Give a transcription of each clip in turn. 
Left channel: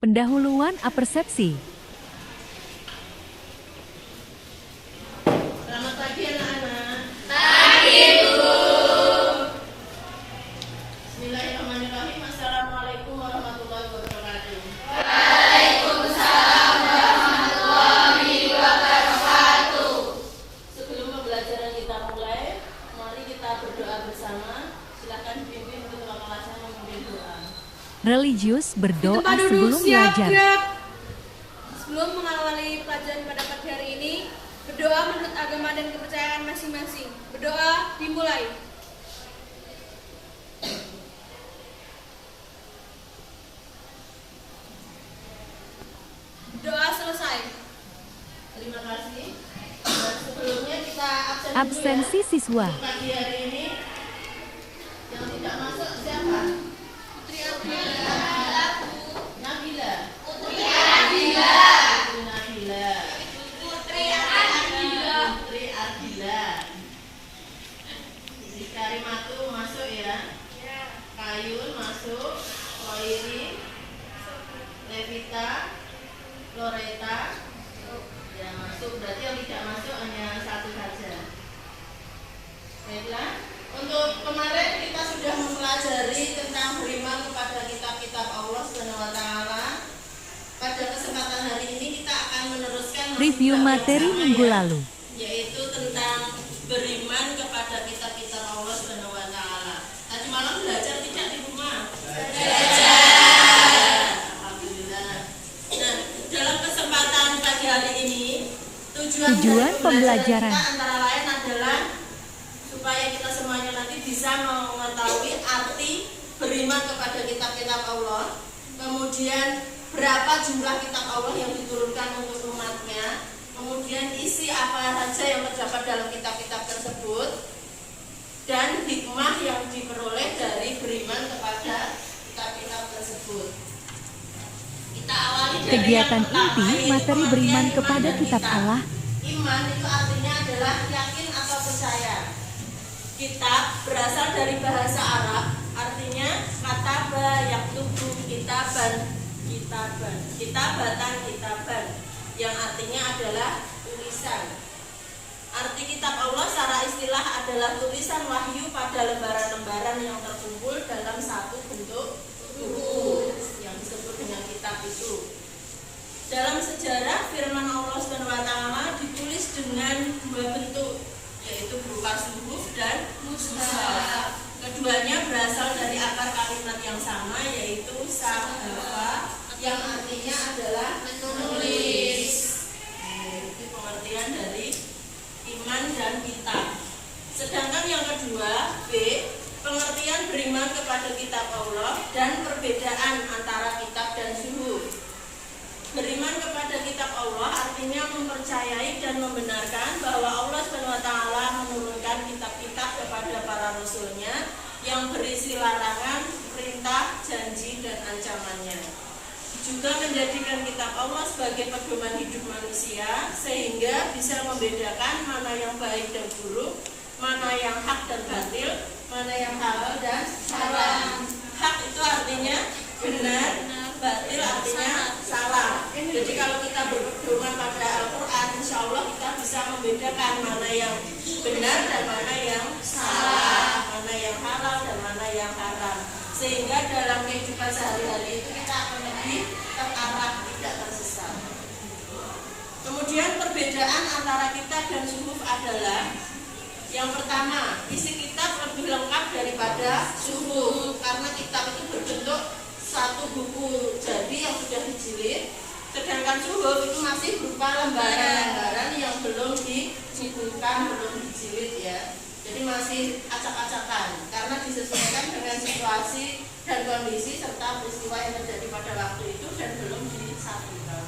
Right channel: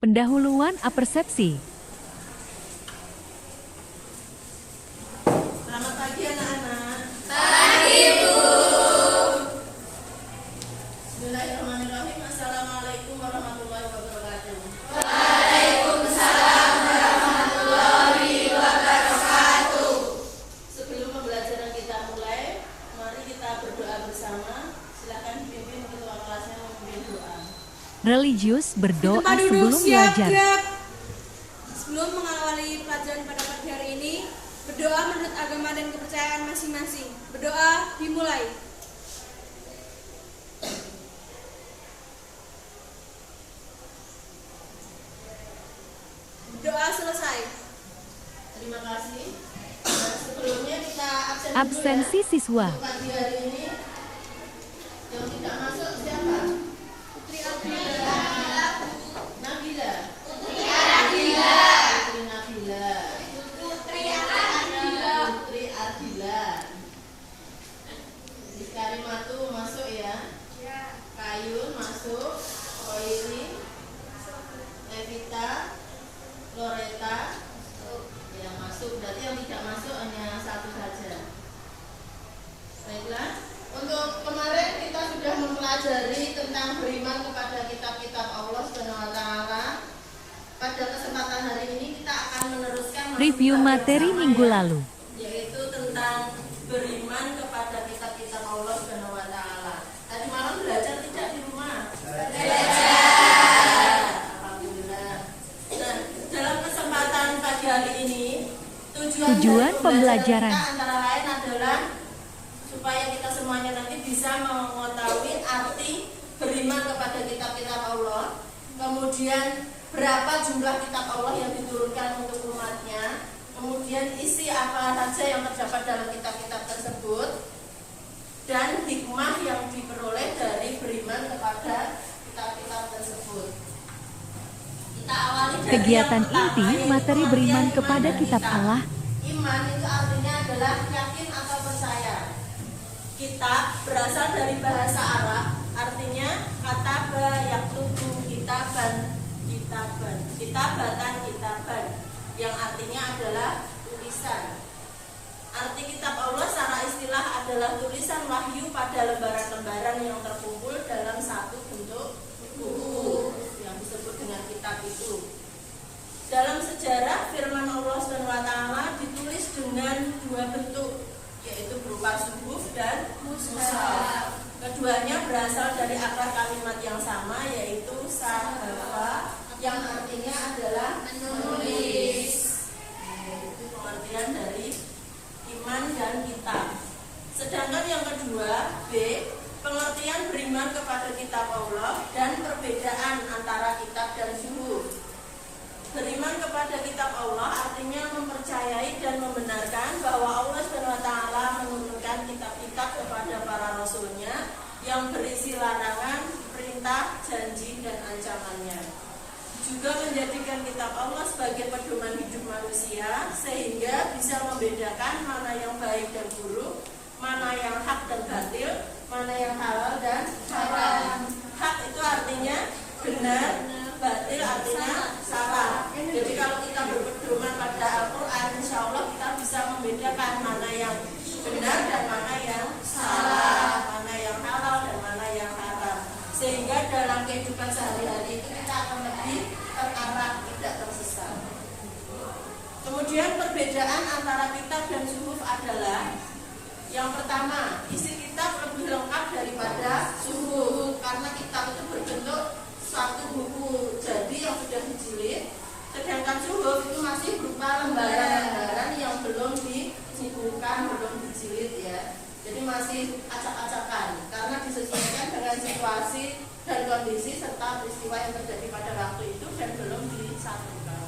Pendahuluan apersepsi. Selamat pagi anak-anak. Pagi, Bu. Bismillahirrahmanirrahim. Assalamualaikum warahmatullahi wabarakatuh. Waalaikumsalam warahmatullahi wabarakatuh. Sebelum pembelajaran kita mulai, mari kita berdoa bersama. Silakan pimpin ketua kelasnya memimpin doa. Religius berdoa Tempat duduk, sebelum siap, belajar. siap. Sebelum mengawali pelajaran pada pagi hari ini, berdoa menurut agama dan kepercayaan masing-masing. Berdoa dimulai. Doa selesai. Terima kasih. Sebelumnya kita absen Absensi dulu ya. siswa. Pagi hari ini yang tidak masuk siapa? Putri Ardia. Nabila. Putri Ardila. Putri Nabila. Putri Ardila. Putri Ardila. Di Karimatu masuk ya. Kayun masuk. Koiri. Evita. Loreta. Ya masuk. Berarti yang tidak masuk hanya satu saja. Baiklah. Untuk kemarin kita sudah mempelajari tentang beriman kepada kitab-kitab Allah Subhanahu wa taala. Pada kesempatan hari ini kita akan meneruskan Review kitab yang materi sama minggu ya, lalu. yaitu tentang beriman kepada kitab-kitab Allah Subhanahu wa taala. Tadi malam belajar tidak di rumah? Belajar. Alhamdulillah. Nah, dalam kesempatan pagi hari ini tujuan dari pembelajaran kita antara lain adalah supaya kita semuanya nanti bisa mengetahui arti beriman kepada kitab-kitab Allah, kemudian berapa jumlah kitab Allah yang diturunkan untuk umatnya, kemudian isi apa saja yang terdapat dalam kitab-kitab tersebut, dan hikmah yang diperoleh dari beriman kepada kitab-kitab tersebut. Kita awali dari kegiatan yang pertama, inti yaitu materi pengertian beriman iman kepada dan kitab Allah. Iman itu artinya adalah yakin atau percaya. Kitab berasal dari bahasa Arab, artinya kataba yaktubu kitaban, kitabatan, yang artinya adalah tulisan. Arti kitab Allah secara istilah adalah tulisan wahyu pada lembaran-lembaran yang terkumpul dalam satu bentuk buku yang disebut dengan kitab itu. Dalam sejarah firman Allah SWT ditulis dengan dua bentuk, yaitu berupa suhuf dan mushaf. Keduanya berasal dari akar kalimat yang sama, yaitu sahafa, yang artinya adalah menulis. Itu pengertian dari iman dan kitab. Sedangkan yang kedua, B, pengertian beriman kepada kitab Allah dan perbedaan antara kitab dan suhuf. Beriman kepada kitab Allah artinya mempercayai dan membenarkan bahwa Allah SWT menurunkan kitab-kitab kepada para rasulnya yang berisi larangan, perintah, janji, dan ancamannya. Juga menjadikan kitab Allah sebagai pedoman hidup manusia sehingga bisa membedakan mana yang baik dan buruk, mana yang hak dan batil, mana yang halal dan haram. Hak itu artinya benar, batil artinya salah. Jadi kalau kita berpedoman pada Al-Quran, insya Allah kita bisa membedakan mana yang benar dan mana yang salah, mana yang halal dan mana yang haram. Sehingga dalam kehidupan sehari-hari itu kita akan lebih terarah, tidak tersesat. Kemudian perbedaan antara kitab dan suhuf adalah yang pertama, isi kitab lebih lengkap daripada suhuf karena kitab itu berbentuk satu buku jadi yang sudah dijilid, sedangkan suhuf itu masih berupa lembaran-lembaran yang belum dibukukan, belum dijilid ya. Jadi masih acak-acakan karena disesuaikan dengan situasi dan kondisi serta peristiwa yang terjadi pada waktu itu dan belum disatukan.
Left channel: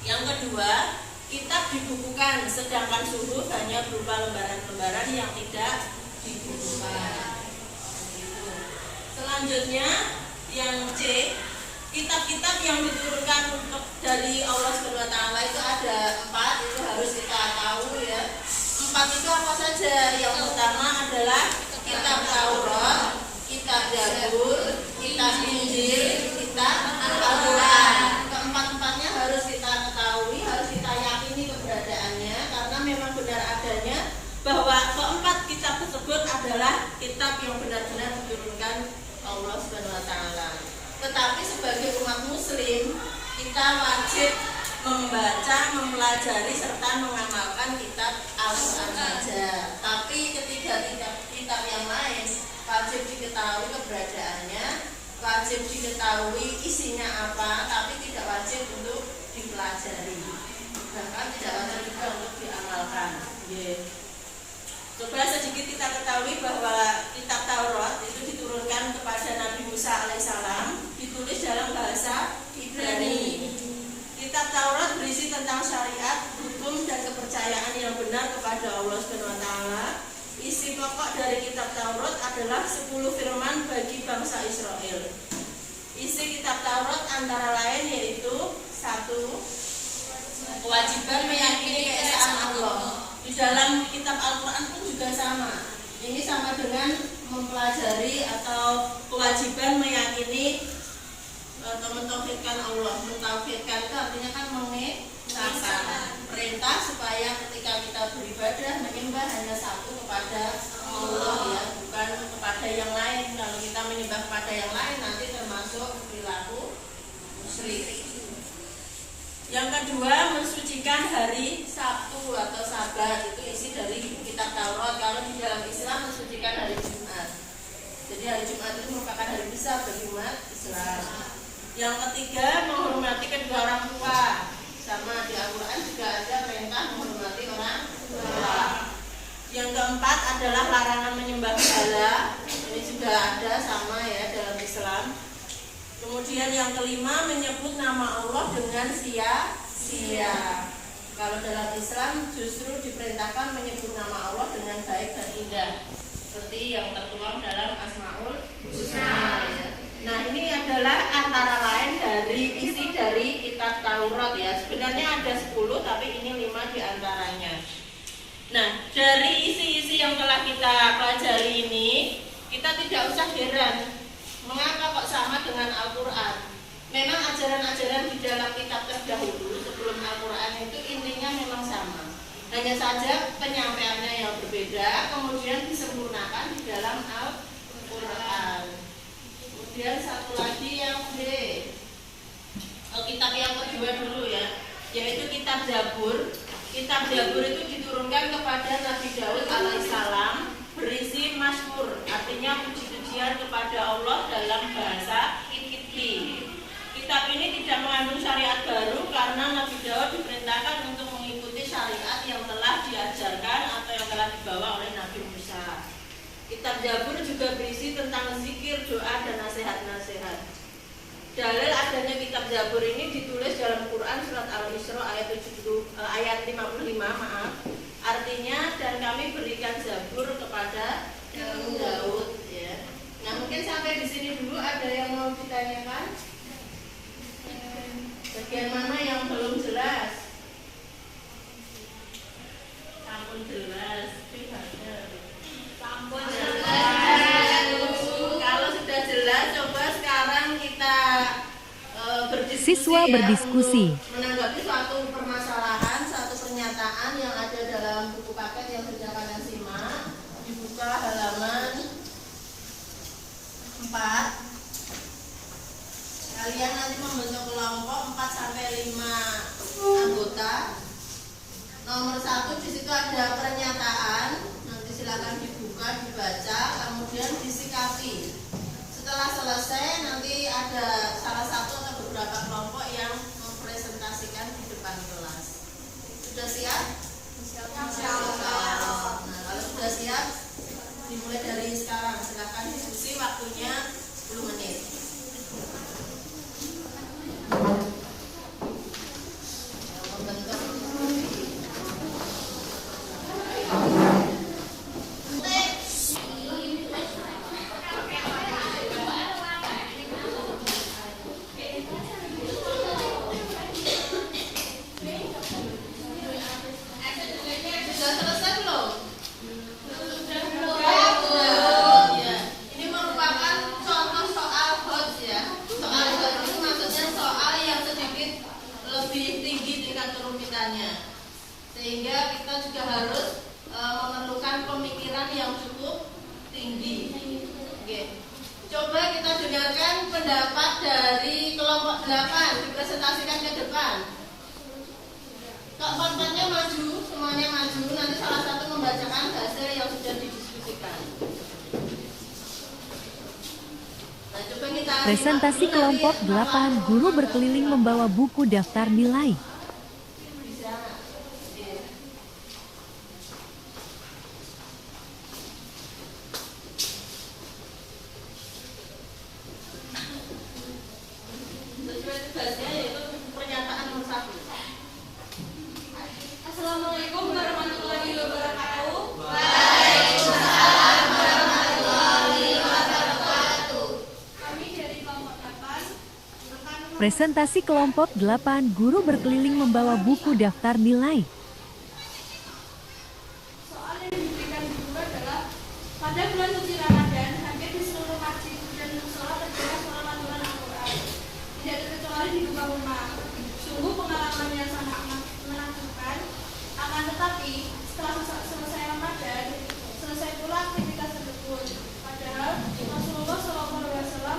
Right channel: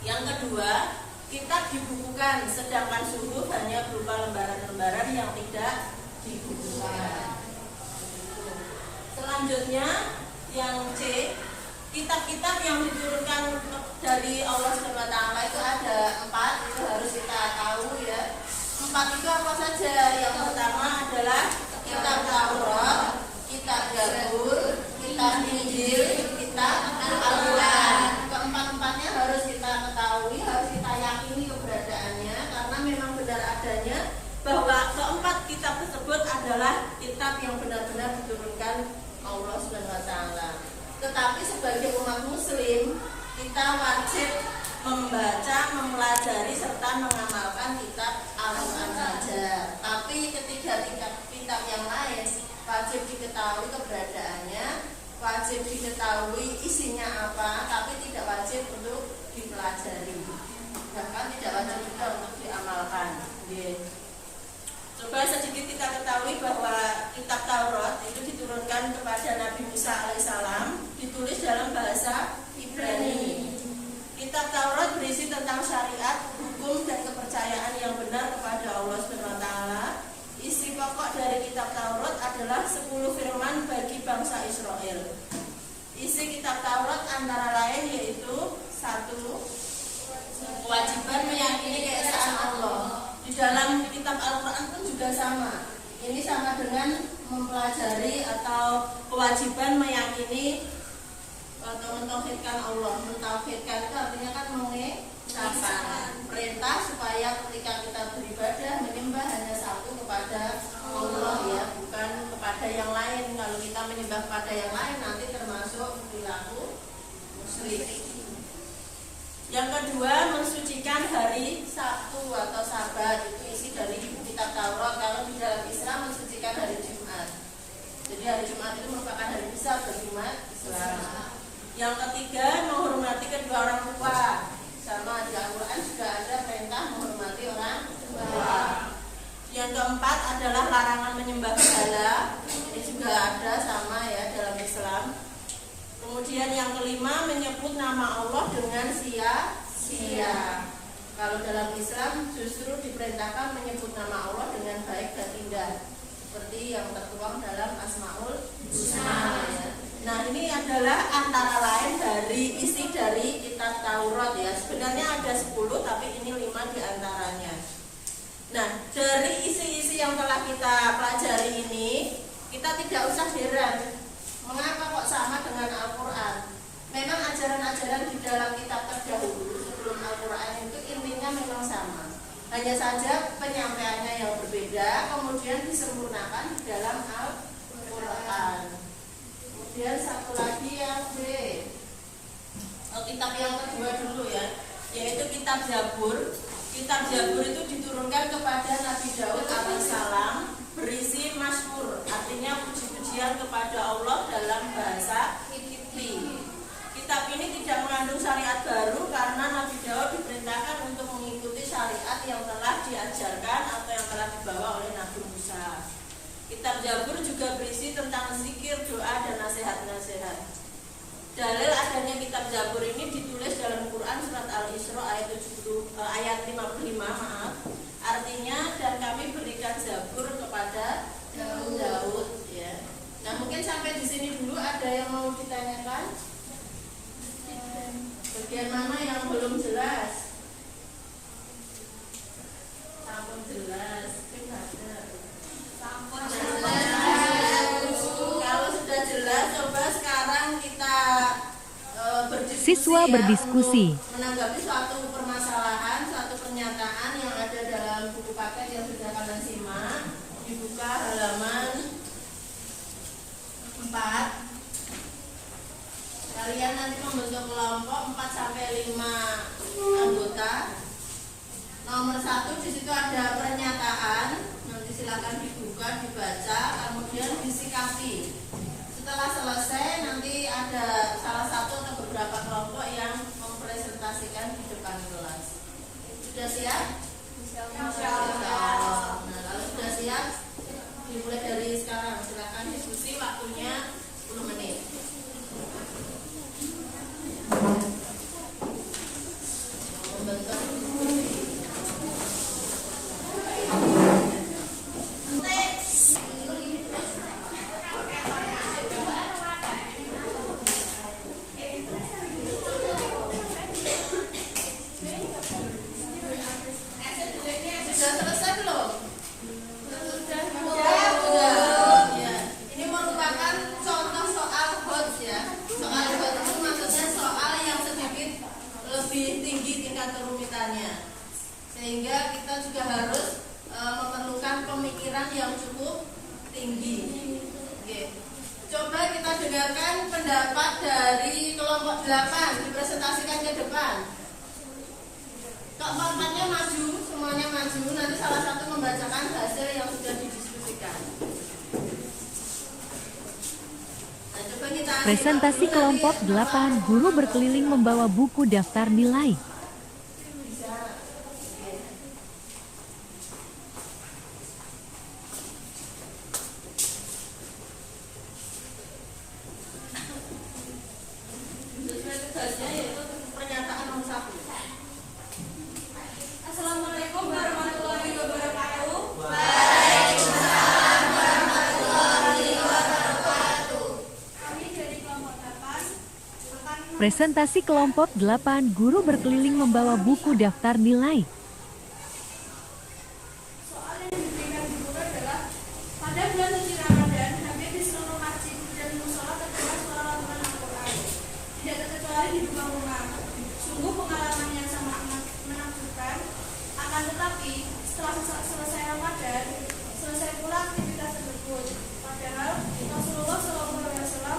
Yang kedua, kitab dibukukan sedangkan suhuf hanya berupa lembaran-lembaran yang tidak dibukukan. Selanjutnya yang C, kitab-kitab yang diturunkan dari Allah SWT itu ada 4, itu harus kita tahu ya. 4 itu apa saja? Yang pertama adalah kitab Taurat, kitab Zabur, kitab Injil, kitab Al Keempat-empatnya harus kita ketahui, harus kita yakini keberadaannya, karena memang benar adanya bahwa keempat kitab tersebut adalah kitab yang benar-benar diturunkan Allah Subhanahu wa taala. Tetapi sebagai umat muslim, kita wajib membaca, mempelajari serta mengamalkan kitab Al-Qur'an saja. Tapi ketiga kitab yang lain wajib diketahui keberadaannya, wajib diketahui isinya apa, tapi tidak wajib untuk dipelajari. Bahkan tidak wajib juga untuk diamalkan. Coba sedikit kita ketahui bahwa kitab Taurat itu diturunkan kepada Nabi Musa alaihissalam, ditulis dalam bahasa Ibrani. Kitab Taurat berisi tentang syariat, hukum, dan kepercayaan yang benar kepada Allah Subhanahu wa taala. Isi pokok dari kitab Taurat adalah 10 firman bagi bangsa Israel. Isi kitab Taurat antara lain yaitu 1. Kewajiban meyakini keesaan Allah. Di dalam kitab Al-Qur'an pun juga sama. Ini sama dengan mempelajari atau kewajiban meyakini atau mentauhidkan Allah. Mentauhidkan itu artinya kan mengesahkan perintah supaya ketika kita beribadah menyembah hanya satu kepada Allah, ya, bukan kepada yang lain. Kalau kita menyembah kepada yang lain nanti termasuk perilaku musyrik. Yang kedua, mensucikan hari Sabtu atau Sabat, itu isi dari kitab Taurat. Kalau di dalam Islam mensucikan hari Jumat. Jadi hari Jumat itu merupakan hari besar bagi umat Islam. Yang ketiga, menghormati kedua orang tua. Sama di Al-Qur'an juga ada perintah menghormati orang tua. Yang keempat adalah larangan menyembah berhala. Ini juga ada sama ya dalam Islam. Kemudian yang kelima, menyebut nama Allah dengan sia-sia. Kalau dalam Islam justru diperintahkan menyebut nama Allah dengan baik dan indah, seperti yang tertuang dalam Asmaul Husna, ya. Nah, ini adalah antara lain dari isi dari kitab Taurat, ya. Sebenarnya ada 10, tapi ini 5 diantaranya. Nah, dari isi-isi yang telah kita pelajari ini, kita tidak usah heran mengapa kok sama dengan Al-Qur'an. Memang ajaran-ajaran di dalam kitab terdahulu sebelum Al-Qur'an itu intinya memang sama. Hanya saja penyampaiannya yang berbeda, kemudian disempurnakan di dalam Al-Qur'an. Kemudian satu lagi yang B, kitab yang kedua dulu ya, yaitu kitab Zabur. Kitab Zabur itu diturunkan kepada Nabi Daud alaihissalam, berisi mazmur, artinya puji-pujian kepada Allah dalam bahasa Kipti. Kitab ini tidak mengandung syariat baru karena Nabi Daud diperintahkan untuk mengikuti syariat yang telah diajarkan atau yang telah dibawa oleh Nabi Musa. Kitab Zabur juga berisi tentang zikir, doa, dan nasihat-nasihat. Dalil adanya kitab Zabur ini ditulis dalam Quran surat Al-Isra ayat 55, artinya dan kami berikan Zabur kepada Daud, ya. Nah, mungkin sampai di sini dulu. Ada yang mau ditanyakan? Bagian mana yang belum jelas? Sampun jelas. Sampun jelas. Kalau sudah jelas, coba sekarang kita berdiskusi. Siswa berdiskusi. Menanggapi suatu permasalahan, suatu pernyataan yang ada dalam buku paket yang sudah kalian simak. Dibuka halaman 4. Kalian nanti membentuk kelompok 4-5 anggota. Nomor 1 di situ ada pernyataan. Nanti silakan dibuka, dibaca, kemudian disikapi. Setelah selesai nanti ada salah satu atau beberapa kelompok yang mempresentasikan di depan kelas. Sudah siap? Nah, kalau sudah siap, dimulai dari sekarang. Silakan diskusi, waktunya 10 menit. Membentuk sudah tingkat kerumitannya. Sehingga kita juga harus memerlukan pemikiran yang cukup tinggi. Oke. Coba kita dengarkan pendapat dari kelompok 8 dipresentasikan ke depan. Keempat-empatnya maju, semuanya maju. Nanti salah satu membacakan hasil yang sudah didiskusikan. Nah, coba kita Presentasi kelompok 8, guru berkeliling membawa buku daftar nilai. Sesuai tugasnya yaitu pernyataan nomor 1. Assalamualaikum warahmatullahi wabarakatuh. Kami dari kelompok 8 akan Presentasi kelompok 8, guru berkeliling membawa buku daftar nilai. soal yang diberikan di buku adalah pada bulan suci Ramadan, hampir di seluruh masjid dan musola terdengar suara lantunan Al-Quran. Tidak terkecuali di rumah-rumah. Sungguh pengalaman yang sangat menakjubkan. Akan tetapi, setelah selesai Ramadan, selesai pula aktivitas tersebut. Padahal Rasulullah SAW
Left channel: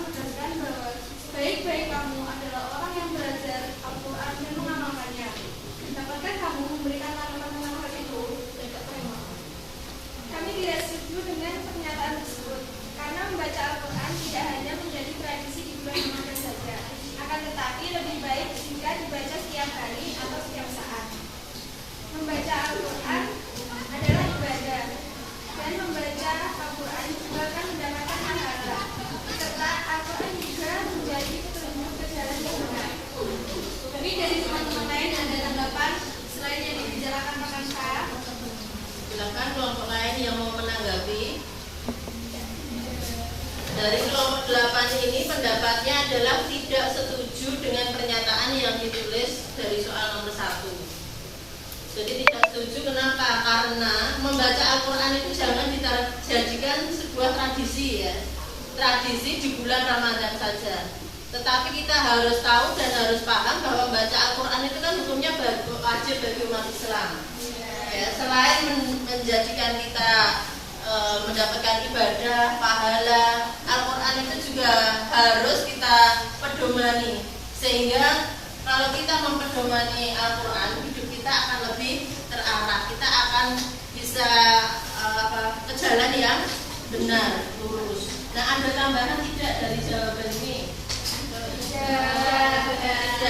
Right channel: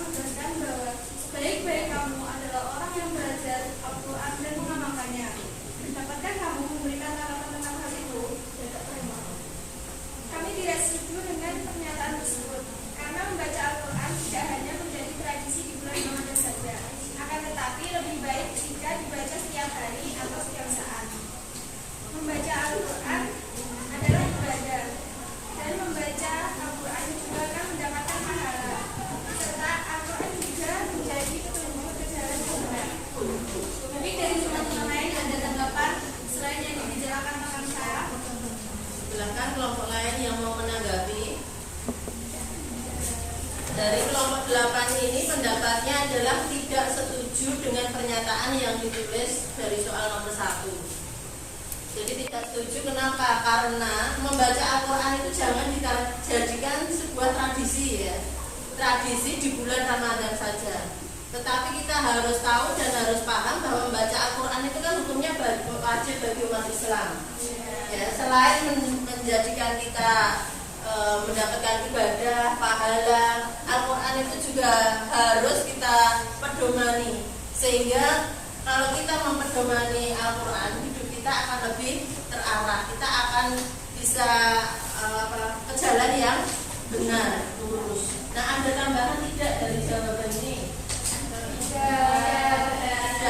menegaskan bahwa sebaik-baik kamu adalah orang yang belajar Al-Quran dan mengamalkannya. Dapatkah kamu memberikan tanda-tanda hal itu? Tidak tema. Kami tidak setuju dengan pernyataan tersebut, karena membaca Al-Quran tidak hanya menjadi tradisi di bulan Ramadan saja, akan tetapi lebih baik jika dibaca setiap hari atau setiap saat. Membaca Al-Quran adalah ibadah, dan membaca Al-Quran juga akan mendapatkan pahala, serta Al-Quran juga menjadi petunjuk ke jalan yang benar. Kami dari teman-teman lain ada tanggapan selain yang dibicarakan Pak Syarah. Silakan kelompok lain yang mau menanggapi. Dari kelompok 8 ini pendapatnya adalah tidak setuju dengan pernyataan yang ditulis dari soal nomor 1. Jadi tidak setuju kenapa? Karena membaca Al-Quran itu jangan dijadikan sebuah tradisi ya. Tradisi di bulan Ramadan saja. Tetapi kita harus tahu dan harus paham bahwa membaca Al-Quran itu kan hukumnya wajib bagi umat Islam. Ya, selain menjadikan kita mendapatkan ibadah, pahala, Al-Quran itu juga harus kita pedomani. Sehingga kalau kita mempedomani Al-Quran, hidup kita akan lebih terarah. Kita akan bisa ke jalan yang benar, lurus. Nah, ada tambahan tidak dari jawaban ini? Ada.